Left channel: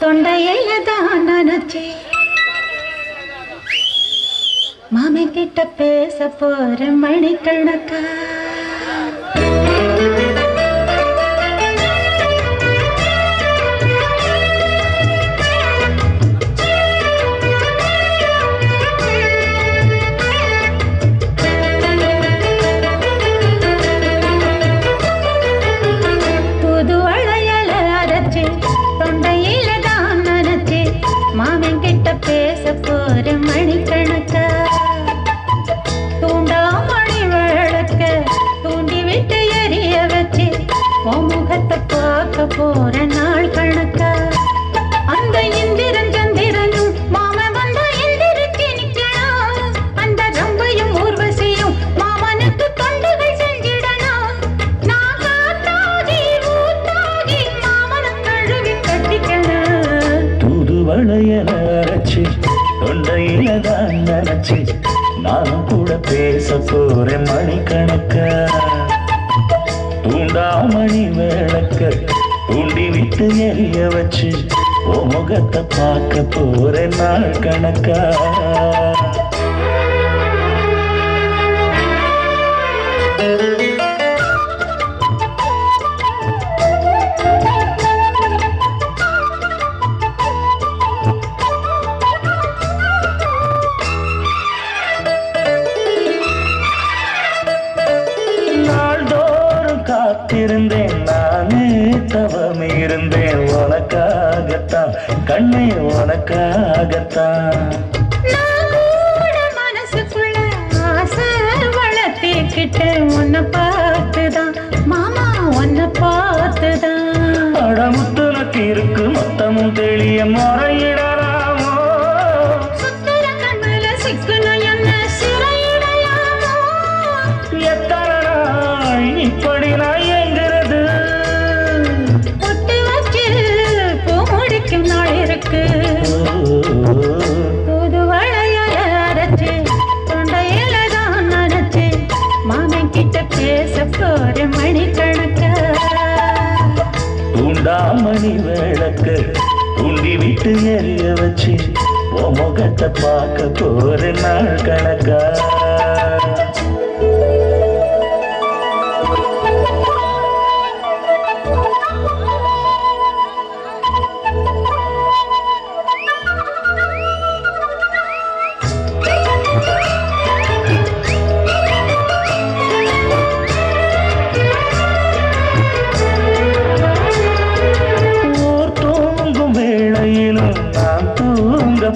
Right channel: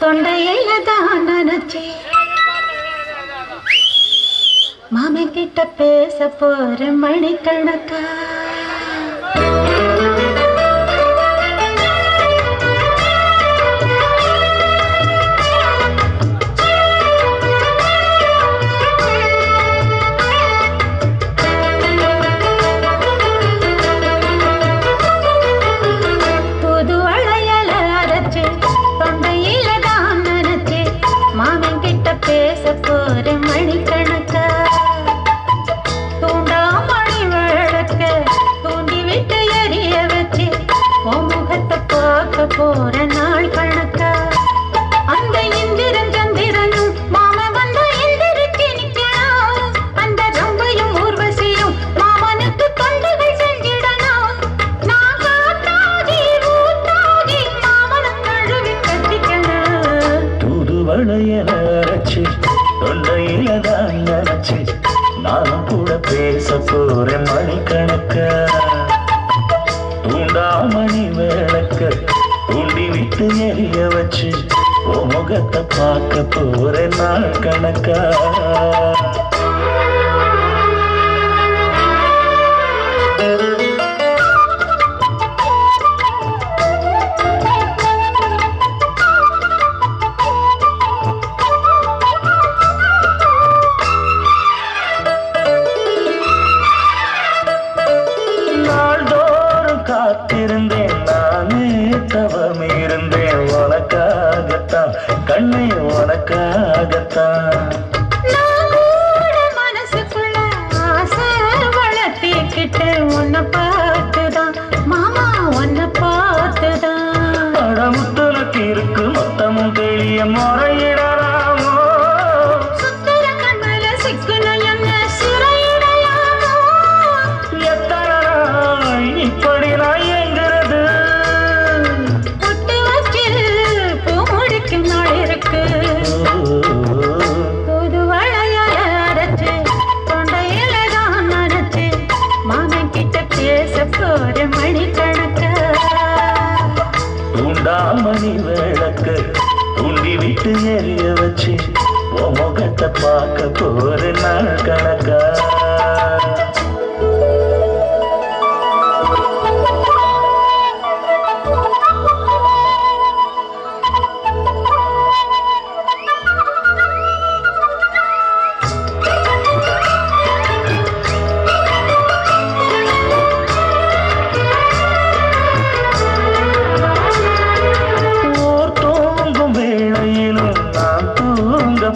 தொண்டையில தான் நினைச்சே மாமன் கிட்ட பேச போற மணிக்கணக்கா பேச போற மணிக்கணக்கா தூண்டாமணி விளக்க தூண்டி விட்டு எரிய வச்சு உன் முகத்தை பார்க்க போற நாள் கணக்கா அந்த இந்திரன் சந்திரனும் மாமன் வந்த எந்திரிச்சு நிக்கணும் அந்த ரம்பையும் ஊர்வசியும் மாமனுக்கு தொண்டுகள் செஞ்சிடணும் நான் காத்தாகி ஊத்தாகி மாமனை கழுவி கட்டிக்கணும் தூதுவளையன தொண்டையில தான் நினைச்சு நானும் கூட பேச போறேன் மணிக்கணக்கா தூண்டாமணி விளக்க தூண்டி விட்டு எரிய வச்சு உன் முகத்தை பார்க்க போறேன் நாள் கணக்கா காத்திருந்தேன் நானே தவம் இருந்தேன் உனக்காகத்தான் கண்ணே உனக்காகத்தான் மனசுக்குள்ள ஆசை வளர்த்திக்கிட்டு உன்னை பார்த்துதான் மாமா உன்னை பார்த்துதான் படமுத்துனக்கு இருக்கு மொத்தமும் தெளிய முறையிடலாமோ சுத்தர கண்மல சிக்கணும் என்ன சிறையிடலாமோ எத்தனை நாள் இப்படி நான் எங்கிறது பொட்டு வச்சு பூ முடிக்கும் நாள் இருக்கு தூது வளையல அரைச்சு தொண்டையில தான் நினைச்சு மாமன் கிட்ட பேச போற மணிக்கணக்கா தூண்டாமணி விளக்க தூண்டி விட்டு எரிய வச்சு உன் முகத்தை பார்க்க போற நாள் கணக்கா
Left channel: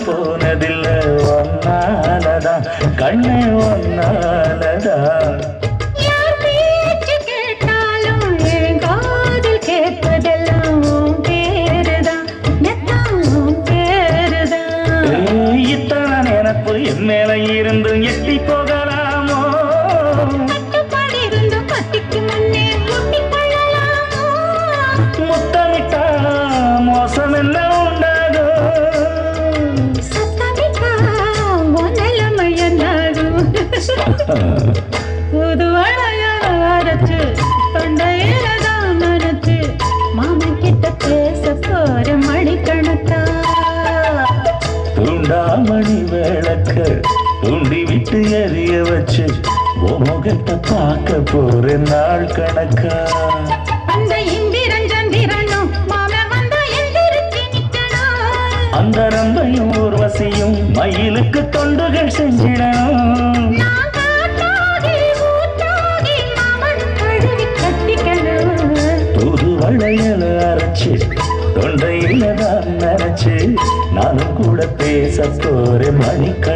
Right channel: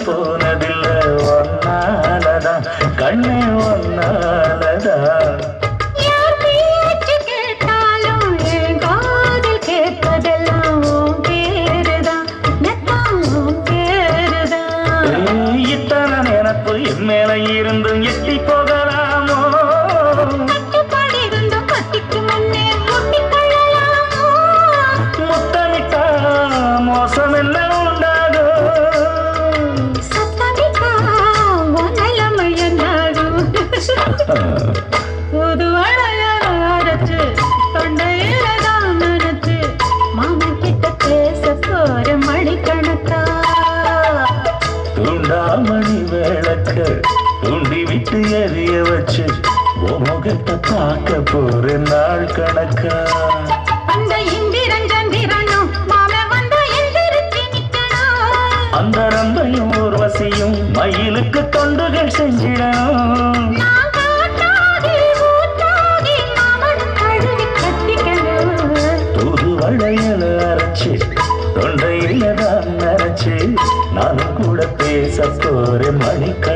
போனதில்ல ஒன்னாலதான் கண்ணே ஒன்னாலதான் யார் பேச்சு கேட்டாலும் என் காதில் கேட்பதெல்லாம் உன் பேருதான் நெத்தான் உன் பேருதான் இத்தனை நினப்பு என் மேல இருந்து எட்டி போகலாமோ கட்டுப்பாடு இருந்தும் கட்டிக்கு முன்னே முட்டிக் கொள்ளலாமோ முத்தமிட்டா மோசம் என்ன புது வளையல அரைச்சு தொண்டையில தான் நினைச்சு மாமன் கிட்ட பேச போற மணிக்கணக்கா தூண்டாமணி விளக்க தூண்டி விட்டு எரிய வச்சு உன் முகத்தை பார்க்க போற நாள் கணக்கா அந்த இந்திரன் சந்திரனும் மாமன் வந்தா எந்திரிச்சு நிக்கணும் அந்த ரம்பையும் ஊர்வசியும் மயிலுக்கு தொண்டுகள் செஞ்சிடணும் வளையல அரைச்சு தொண்டையில தான் நினைச்சு நானும் கூட பேச போறேன் மணிக்கணக்கா